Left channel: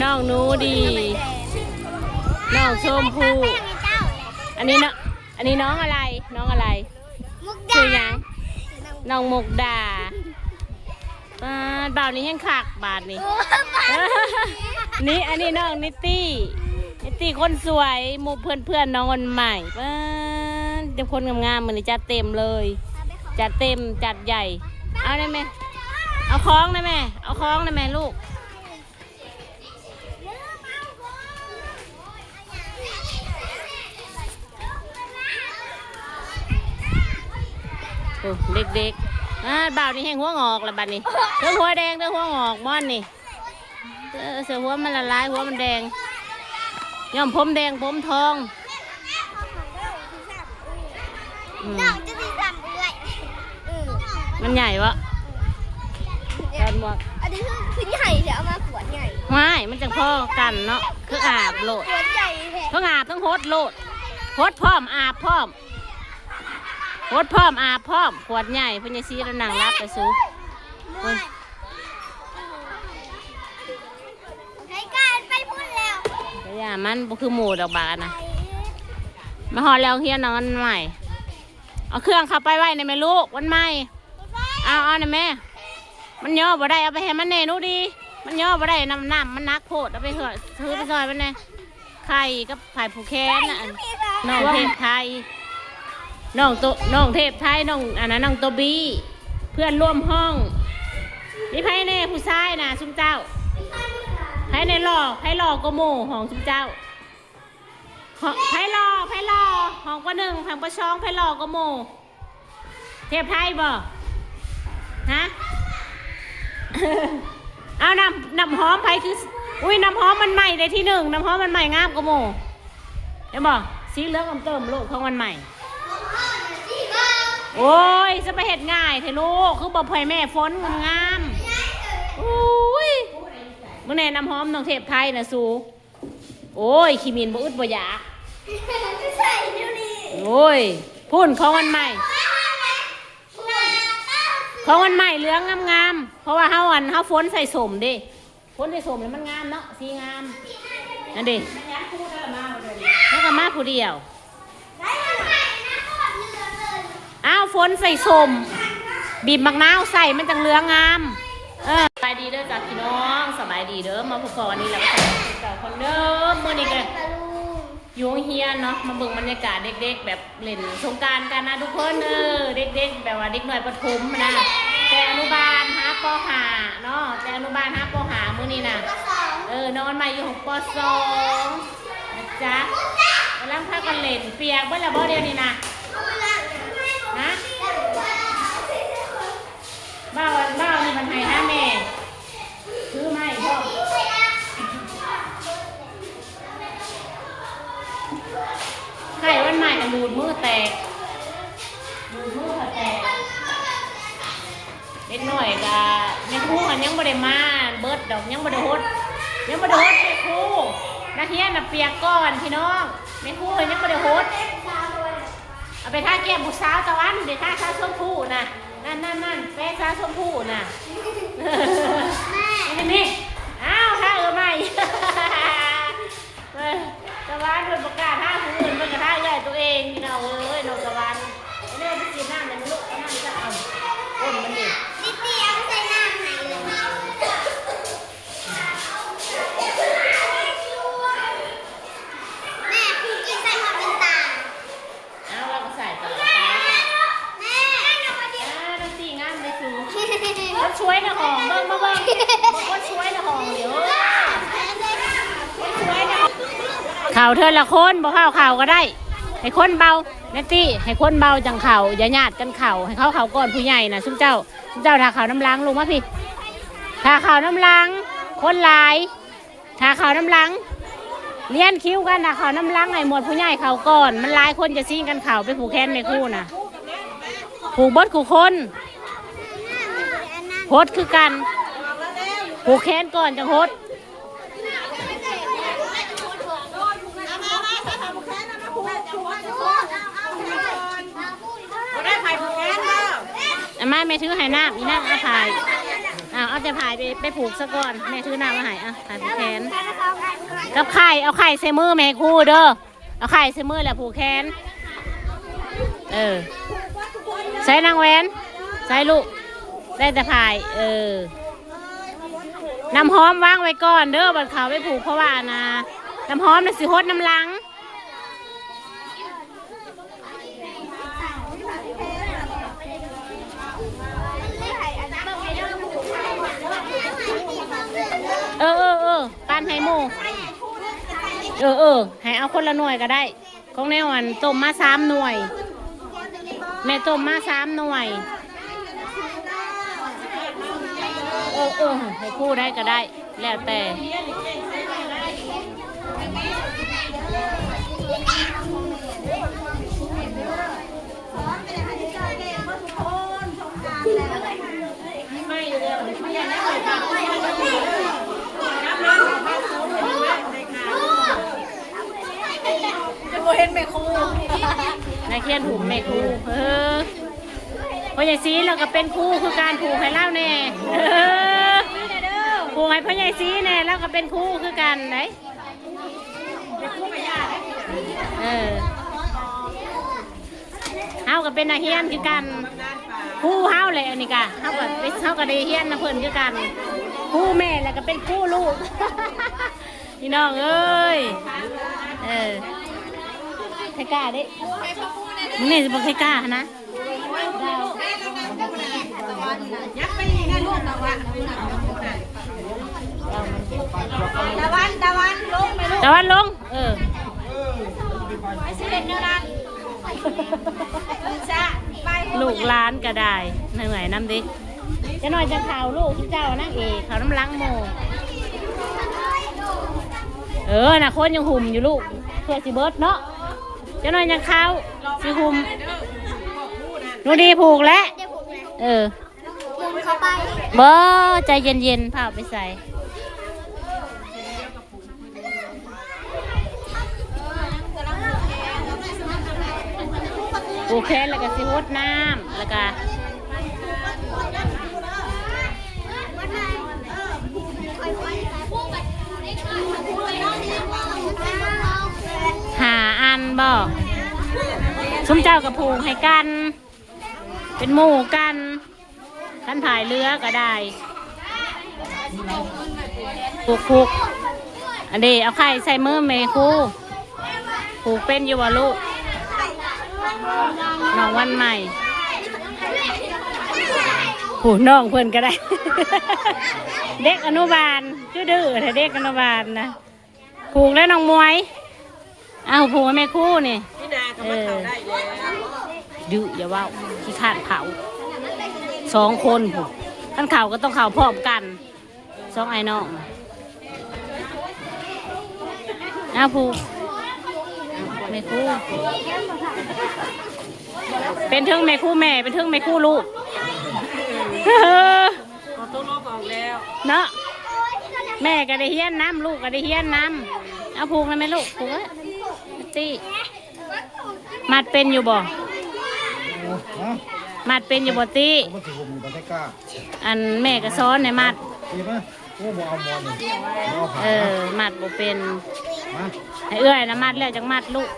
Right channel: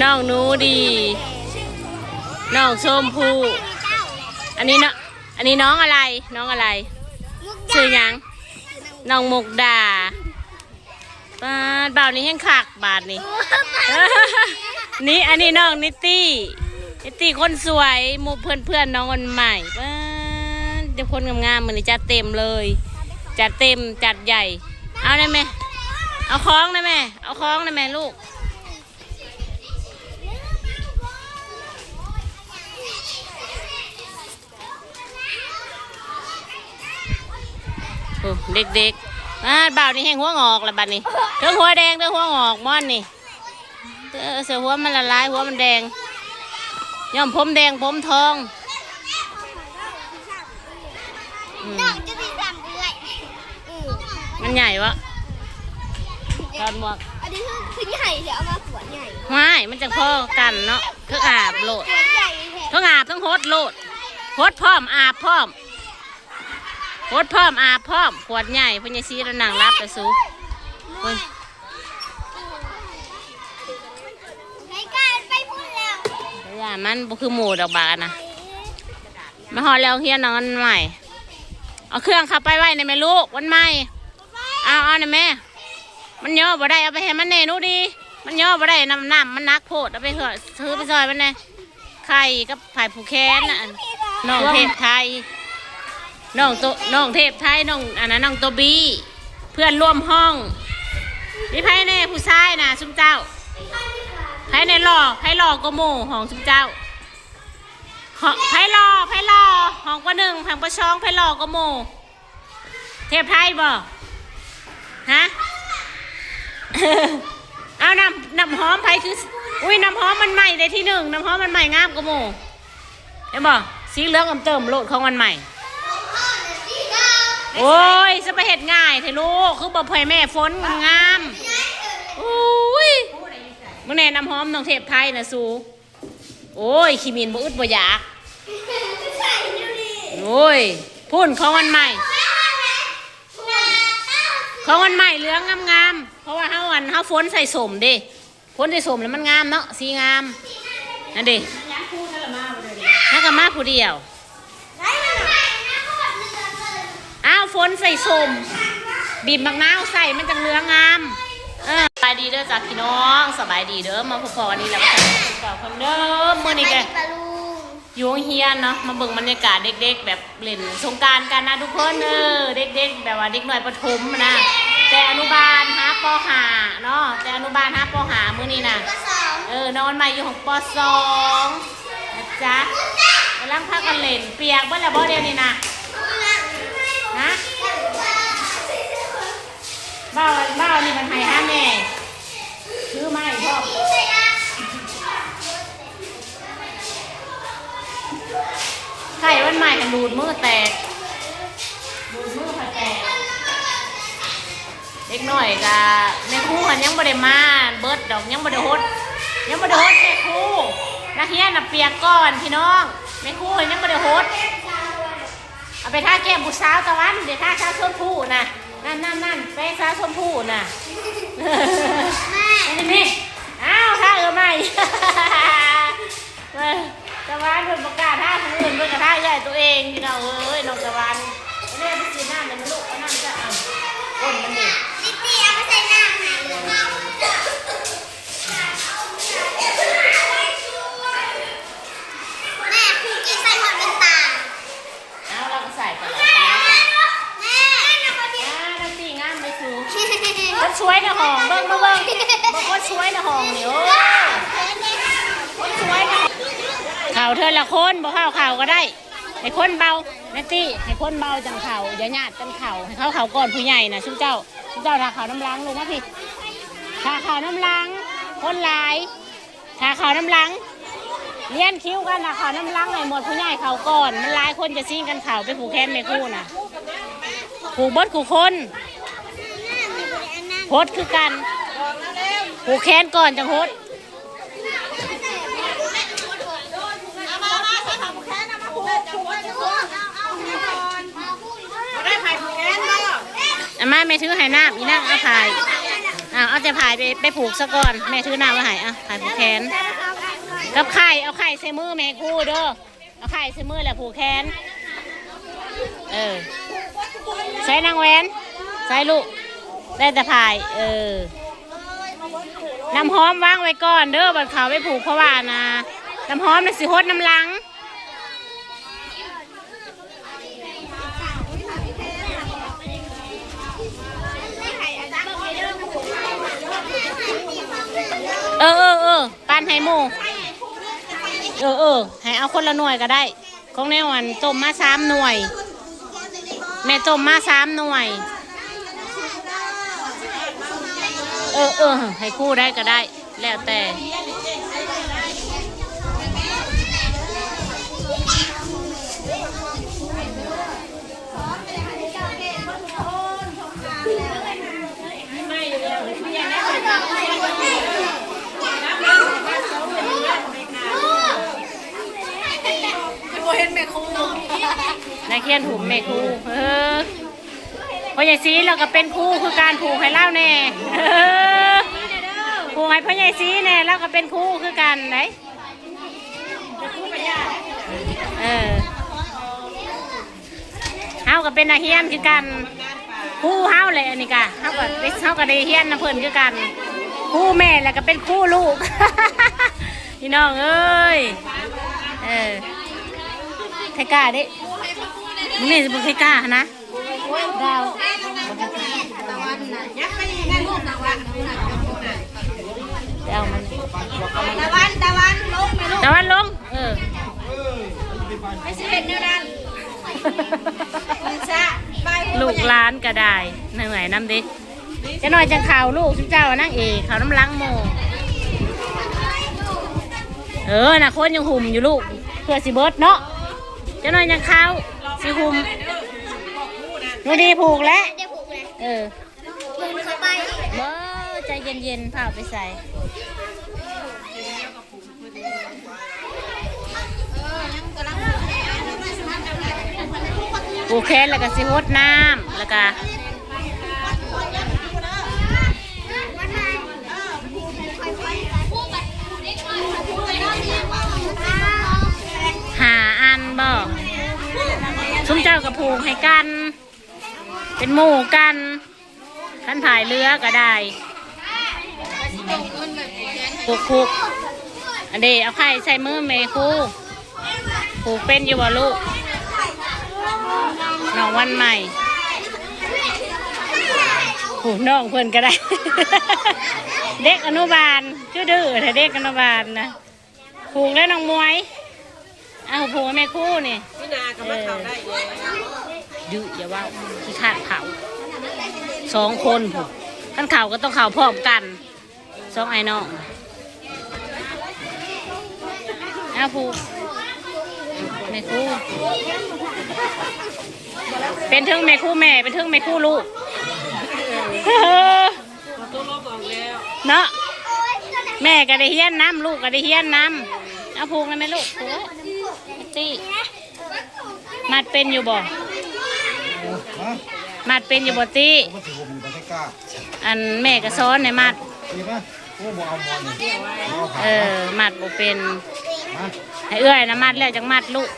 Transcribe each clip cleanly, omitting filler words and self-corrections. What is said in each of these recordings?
น้องหนูดีน้องชมพู่อันนี้เนาะอันนี้น้องอะไรน้องอะไรชื่อยังน้องมุกดาบาทนี้แห้งคักบาทนี้นี่อันนี้น้องนิตตี้คนสวยหมู่เพื่อนน้องคนใหม่เดี๋ยวคนงามๆมันจัดเต็มเลยจัดเต็มจัดใหญ่เอาได้ไหมเอาคล้องได้ไหมเอาคล้องได้ไหมลูกโอ้เด็กๆบ่าวนี่แห้งหัวงอกแล้วบัดนี้เรื่องหัวแดงเรื่องหัวงอกม่อนนี่เสือหัวมันละลายหัวมันแดงย่อมผมแดงผมทองมันใหญ่วะการหมวกอันนี้คือใหญ่เดี๋ยวเอามาขวดใหญ่ไม่มันจะพ่อกันเนาะคืออาบโลดทั้งอาบทั้งโฮดโลดโฮดพร้อมอาบพร้อมโฮดพร้อมอาบพร้อมขวดใหญ่พญาซีระนังรับไปสู้มันบ่คือหมูดอกบานะมาหอแล้วเฮียนอนใหม่เอาเครื่องเข้าไปไว้ในแม่ลูกวันใหม่เอาในแม่มันย่อบ่ได้เอาไปให้มันแน่นู้ดีมันย่อบ่ได้น้ำมันนักโพดเอาไปเถอะซื้อไปซอยมันแน่ไข่กับไผ่ผูแค้นน่ะน้องเทพไทยน้องเทพไทยน้องอันนั้นน้องโตบีเพื่อนร่วมห้องนี่ไผ่แน่ผู้ชายน่ะซุ่มเจ้าไผ่ในหล่อก็โม่ห้องซุมเจ้าไผ่หล่อห้องประหนึ่งห้องประชองไผ่หล่อก็โม่เทพไทยบ่ฮะ เอาน้ำหอมไผ่คืออุ้ยน้ำหอมมันใหม่เลยที่หนึ่งน้ำหอมมันใหม่งามก็โม่เห็นบ่สีเหลืองเติมโลดของมันใหม่โอ้ยจะไปเห็ดง่ายเถอะลูกคือบ่พ่อยแม่ฝนงามอุ้ยมื่อแน่น้ำหอมน้องเทพไทยนะสูโอ้ยขี้มินบ่อึดบ่อยากโอ้ยพุ่นของวันใหม่ของวันใหม่เหลืองงามเพราะว่าเฮาฝนใส่สมดิฝนใส่สมแล้วมันงามเนาะสีงามนั่นดินักกะมาผู้เดียวอ้าวฝนใส่สมบีบมะนาวใส่มันจังเหลืองงามสบายดีเด้อจ้าพี่น้องสบายดีเด้อมาพบกันวันนี้แล้วก็จะเก่าคนเดิมเมื่อนี้แกอยู่เฮียนเนาะมาเบิ่งบรรยากาศเด็กๆแบบเล่นสงกรานต์กันนะทุกคนเด็กๆแบบว่าเด็กหน่อยประถมนะแต่อนุบาลฮะป.5เนาะแต่อนุบาลฮะป.5มื้อนี้นะนอนใหม่อยู่ของป.2นะจ๊ะกำลังพากันเล่นเปียกเบิ่งละบ่เดียวนี้นะฮะบ้าวนี่มันให้ห้าแม่ซื้อมาให้พ่อไข่วันใหม่ดูดมือแตกเล็กหน่อยกะแม่ครูเขายังบ่ได้มาเบิดดอกยังบ่ได้ฮดแม่ครูนักเรียนน่ะเปียกก่อนพี่น้องแม่ครูเขายังบ่ได้ฮดเอาไปท่าแก้มผู้สาวตะวันเดี๋ยวท่าชาชมพู่น่ะนั่นไปชาชมพู่น่ะแม่นี่อ้าวท่าใหม่ตะวันคนประกาศท่าคนอื่นคนกระท่าใหญ่ตัวเองพี่น้องน้องตะวันนี่ไปกินน้ำเลยนะลูกเอาน้ำจะเอาก้นมันดินี่เอาไปใส่น้ำไหนแม่ครูกินใส่หอดเป็นตาเอาเราก็ใส่ตลอดก็ช่วยนะหองเบิ้งก็ช่วยนะหองเดี๋ยวก็ช่วยนะข่าวเธอละคนบ่ข่าวก็ได้ให้คนเบาเนตตี้ให้คนเบาจังข่าวอย่าหยาดกันข่าวให้เขาข่าวก่อนผู้ใหญ่นะซุ่มเจ้าทาข่าวน้ำล้างลงมาพี่ทาข่าวน้ำล้างคนหลายทาข่าวน้ำล้างเลี้ยนคิ้วกันนะข่าวน้ำล้างให้หมดผู้ใหญ่ข่าวก่อนมันหลายคนจะซิ่งกันข่าวไปผูกแขนในคู่นะผูกบดขู่คนโฮดคือกันผูกแขนก่อนจังโฮดอาม่าไม่ถือให้น้ำอีนั่งเอาพาย เอาจะพายไปผูกซะก่อนแม่ถือน้ำมาให้พายผูกแขนกับไข่เอาไข่ใส่มือแม่คู่เด้อเอาไข่ใส่มือแล้วผูกแขนใส่นางแหวนใส่ลูกได้แต่พายน้ำหอมวางไว้ก่อนเด้อบัดเขาไปผูกเพราะว่านะน้ำหอมน่ะสิฮดน้ำลังปานให้หมูให้เอาคนละหน่วยก็ได้ของในวันต้มมา3 หน่วยแม่ต้มมา3 หน่วยให้คู่ได้ก็ได้แล้วแต่นายเคียนถุมแม่ครูพ่อใหญ่ซีเราก็เป็นครูคือการผูกให้เล่าแน่ผูกให้พ่อใหญ่ซีแน่เราก็เป็นครูคือกันไหนเฮาก็เป็นอาเฮียนคือกันครูเฮาเลยอันนี้กะเฮาก็ได้เฮียนนะเพิ่นคือกันครูแม่แล้วก็เป็นครูลูกพี่น้องเอ้ยไทกล้าดิมึงนี่จะบอกไทกล้านะตะวันลงไม่ใช่เป็นเนื้อด้านลูกล้านก็ได้เหนื่อยน้ำดิจะหน่อยจะข่าวลูกชุดเจ้านั่งข่าวน้ำล้างโมน่ะคนยังหุ่มอยู่ลูกเพื่อสิเบิร์ดเนาะจะหน่อยยังข่าวสิหุ่มนูดีผูกแล้วเข้าไปบ่ใจเย็นๆพาไปใส่ผูกแขนแล้วก็สิฮดน้ำแล้วก็5 อันบอกซุ้มเจ้ากับผูกให้กันเป็นหมู่กันขันถ่ายเรือก็ได้ผูกอันนี้เอาไข่ใส่มือเมคูผูกเป็นอยู่บ่ลูกน้องวันใหม่ผูกน้องเพื่อนก็ได้ เด็กอนุบาลชื่อดื้อแต่เด็กอนุบาลนะผูกแล้วน้องมวยผูกแม่คู่นี่ดื้ออย่าว่าที่ขาดเผา2 คนผูกขั้นเข่าก็ต้องเข่าพร้อมกัน2 ไอ้น้องผูกแม่คู่เป็นทึ่งแม่คู่แม่เป็นทึ่งแม่คู่ลูกเนาะแม่ก็ได้เฮี้ยนน้ำลูกก็ได้เฮี้ยนน้ำเอาผูกเลยไหมลูกผูกตีมัดเป็นอยู่บ่มัดเป็นอยู่บ่ตีอันแม่ก็ซ้อนในมัดมัดบ่เป็นให้เอื้อยนะมัดแล้วจังมัดลูก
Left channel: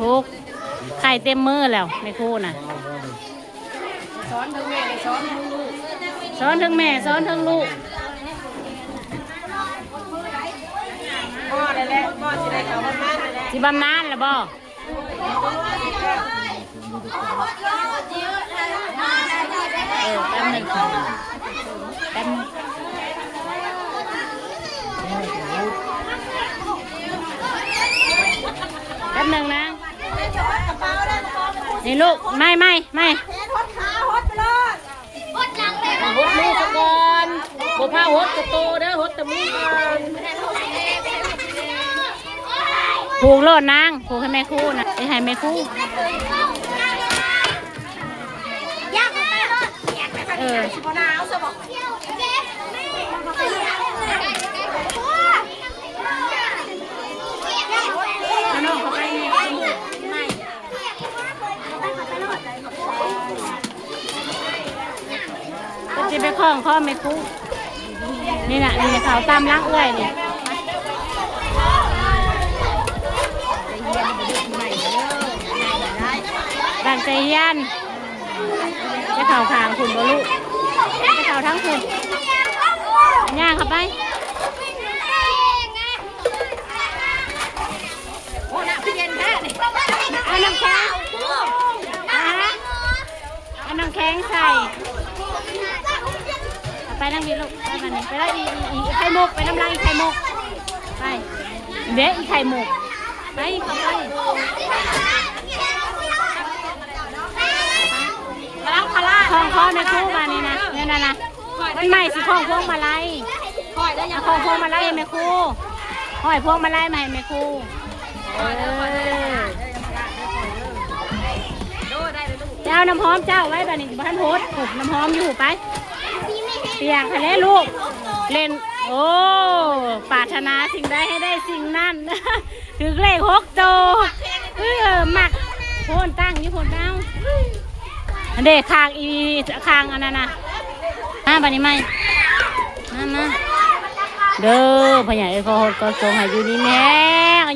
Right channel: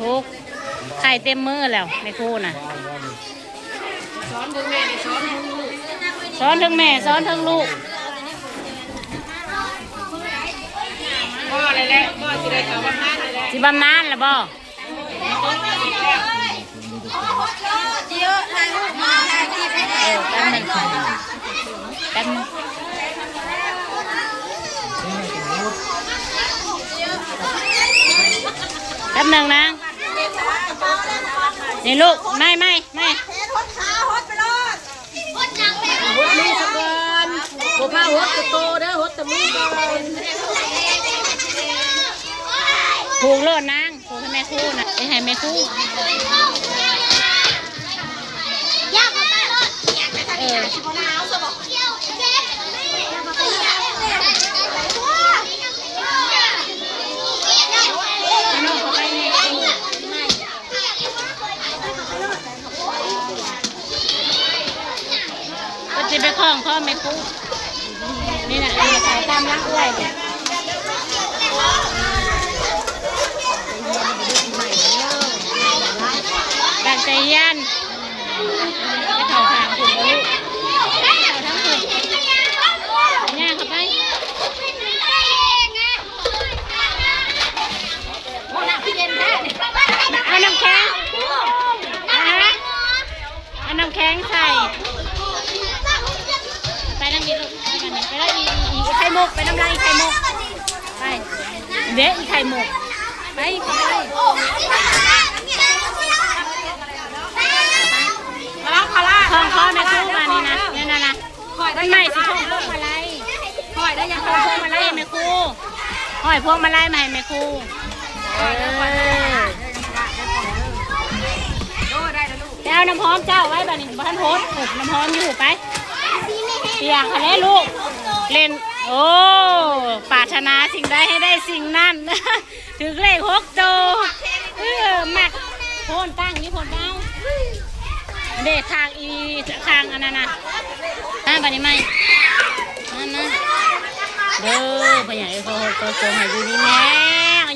ผูกไข่เต็มมือแล้วไม่คู่น่ะซ้อนทั้งแม่ซ้อนทั้งลูกซ้อนทั้งแม่ซ้อนทั้งลูกพ่ออะไรแล้วพ่อสิได้บำนาญแล้วสิบำนาญแล้วบ่แป๊บนึงแป๊บนึงแป๊บนึงนะนี่ลูกไม่หดมือสักก่อนโบผ้าหดกระโตเด้อหดแต่มือก่อนผูกโลดนางผูกให้แม่คู่นะให้แม่คู่ องข้อไม่คู่นี่นะนี่นะขาวตามรักด้วยเนี่ยดังใจยันจะข่าวทางคุณบลูกข่าวทั้งคุณย่างเข้าไปเอาน้ำแข็งเอาน้ำแข็งใส่ไปนั่งดีลูกไปกันนี่ไปแล้วอีไข่มุกไปน้ำลายอีไข่มุกไปเด็กอีไข่มุกไปท่องข้อในคู่มานี่นะเนี่ยนะมันใหม่สิท่องพวงมาลัยท่องพวงมาลัยแม่ครูห้อยพวงมาลัยมาให้แม่ครูเจ้าน้ำหอมเจ้าไว้บ้านนี้บ้านโฮสน้ำหอมอยู่ไปเปียกทะเลลูกเล่นโอ้ปรารถนาสิ่งใดให้ได้สิ่งนั้นถึงเลข6โตหมักโพนตั้งนี่โพนตั้งเด็กคางอีคางอันนั้นนะบ้านนี้ไหมนั่นนะเด้อพ่อใหญ่เขาก็จงให้อยู่นี่แม่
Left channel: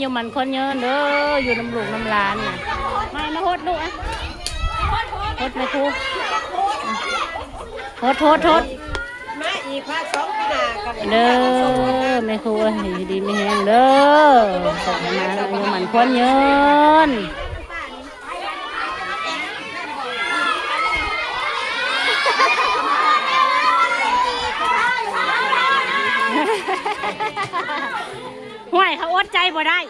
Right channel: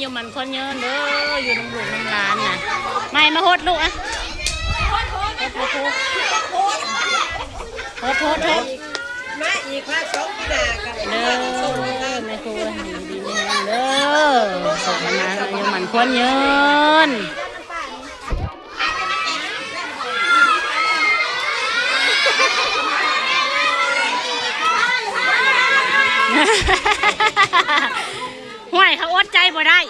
อยู่มันคนเยินเด้ออยู่น้ำลูกน้ำร้านน่ะไม่มาโฮดลูกอะโฮดมาคูโฮดเด้อแม่ครูให้ดีไม่แห้งเด้อส่งมาอยู่มันคนเยินห่วยเขาอดใจบ่ได้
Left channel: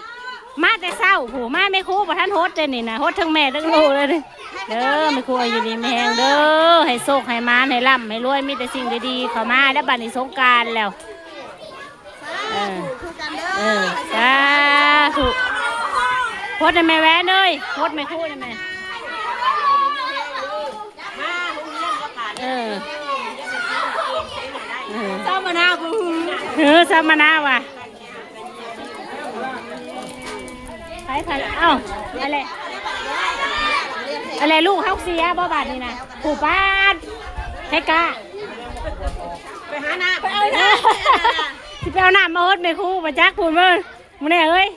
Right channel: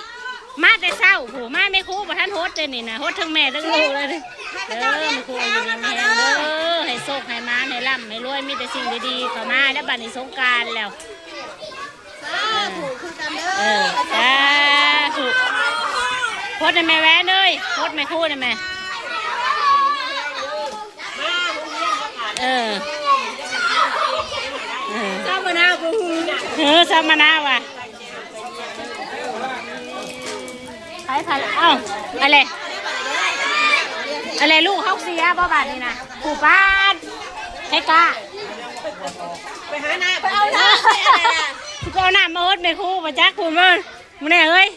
มาแต่เศร้าผู้มาไม่คู่บ่ท่านโฮดเลยนี่นะโฮดทั้งแม่ทั้งลูกเลยเด้อไม่คู่อยู่ดีแม่เด้อให้โชคให้มาให้ร่ำให้รวยมีแต่สิ่งดีๆเข้ามาแล้วบัดนี้สงกรานต์แล้วสาธุโฮดให้แม่แหวนเลยโฮดไม่คู่นะแม่สามมะนาวสามมะนาวว่ะใครเอ้าอะไรลูกเฮาเสียบ่บาดนี่นะผู้ป้านเฮกาไปหาน้ำไปเอาน้ำสิไปเอาน้ำมาโฮดแม่ครูมาจักคุณมึงมึงแน่เอ้ย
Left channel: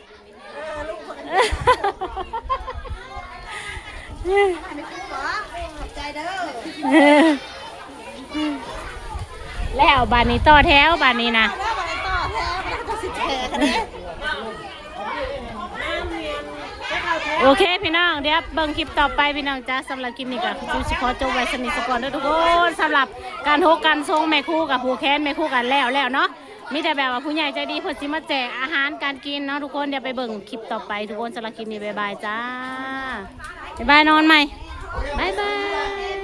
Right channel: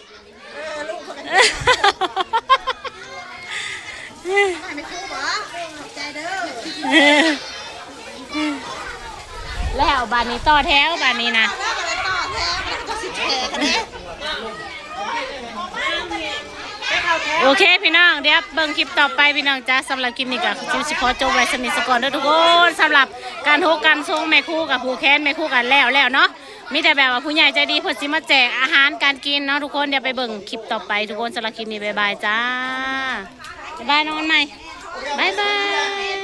แล้วบานนี้ต่อแถวบานนี้นะโอเคพี่น้องเดี๋ยวเบิ่งคลิปต่อไปพี่น้องจ้าสำหรับคลิปนี้ก็จิวสิขอจบไว้สนิทสกอนด้วยทุกคนสำหรับการโฮกันทรงแม่คู่กับผู้แค้นแม่คู่กันแล้วเนาะมีแต่แบบว่าผู้ใหญ่ใจดีเพิ่นสิมาแจกอาหารการกินเนาะทุกคนเดี๋ยวไปเบิ่งคลิปต่อไปทุกคนสำหรับคลิปนี้บ๊ายบายจ้าบ๊ายบายนอนใหม่บ๊ายบาย